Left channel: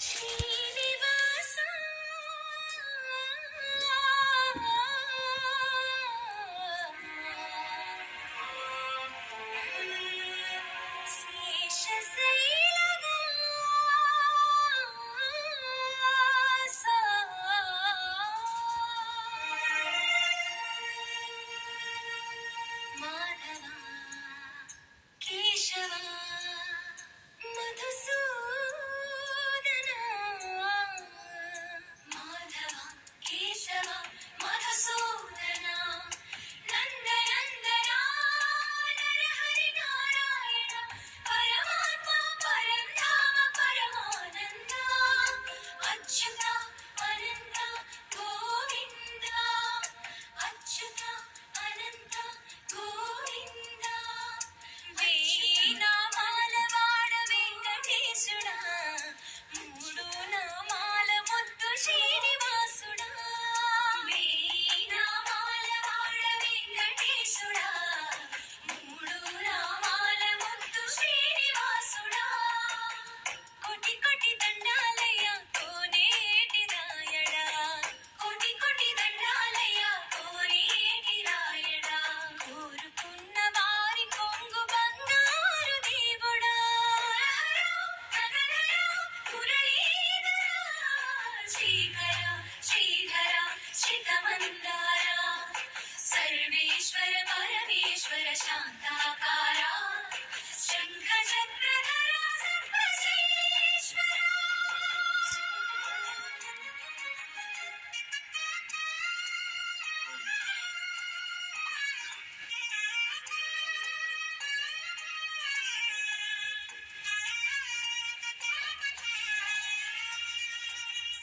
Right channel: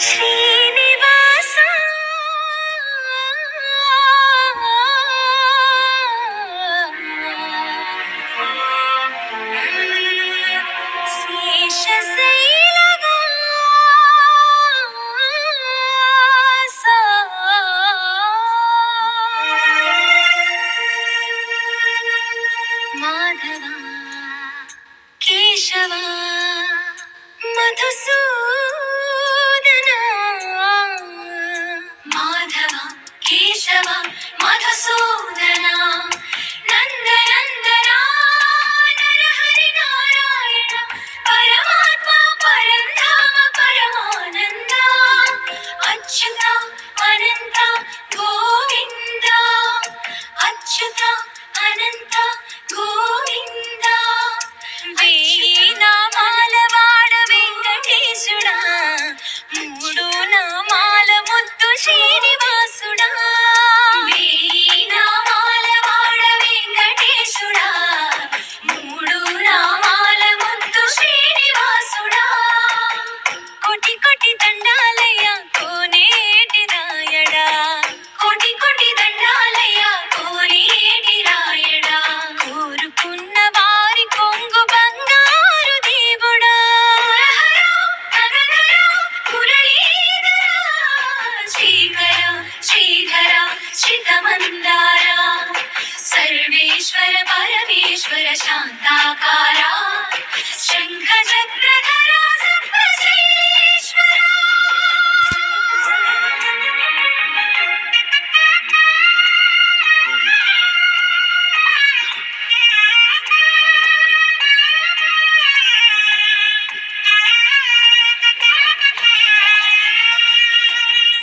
శ్రీనివాస శేషశైలవాస మాధవ కేశవ మధుసూదన మాధవ కేశవ మధుసూదన నందనందన నరహరి నారాయణ పరమాత్మ పరంధామ పరమానంద అచ్యుత అనంత గోవింద అచ్యుత అనంత గోవింద వేయి నామాల వాడ వెంకటేశుడా మూడు నామాల ముద్దు శ్రీనివాసుడా వేయి నామాల వాడ వెంకటేశుడా మూడు నామాల ముద్దు శ్రీనివాసుడా కోటి కోటి దండాలయ్య కోనేటి రాయడా కోటి కోటి దండాలయ్య కోనేటి రాయడా కోరుకున్న వారి కొంగు బంగారు దేవుడా శ్రీకర శ్రీధర శ్రితమందార సర్వేశ్వర పరమేశ్వర శాంతాకార శంఖ చక్రధర సర్వశ్రేష్ఠ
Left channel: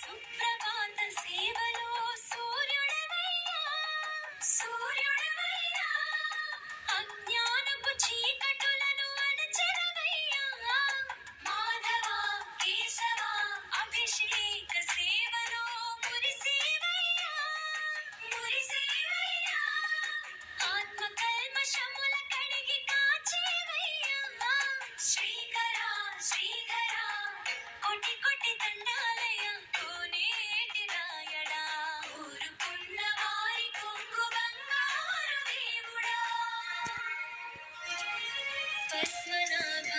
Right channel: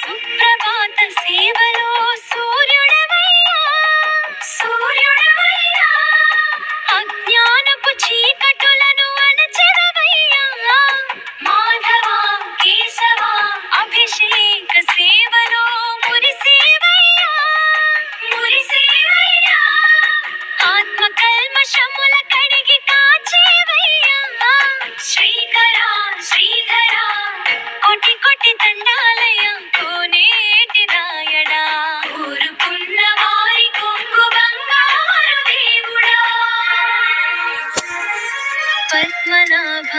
సుప్రభాత సేవలో సూర్యుడవయ్యా సూర్యుడవయ్యా అజ్ఞానపు చీకటులను అణచెదవయ్యా మాధవ కేశవ అభిషేక సేవలో మురిసేవయ్యా మురిసేవయ్యా ఆత్మ కల్మషముల కడిగి కాచేవయ్యా శ్రీకర శ్రీధర కోటి కోటి దండాలయ కోనేటి రాయడా కోరుకున్న వారి కొంగు బంగారు దేవుడా పద్మనాభ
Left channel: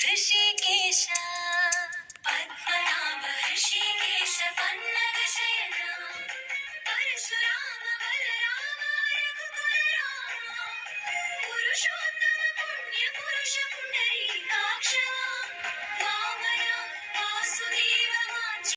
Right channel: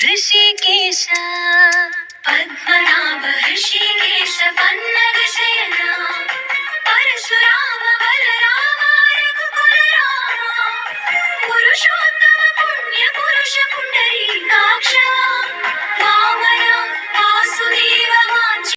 హృషికేశ పద్మనాభ హృషికేశ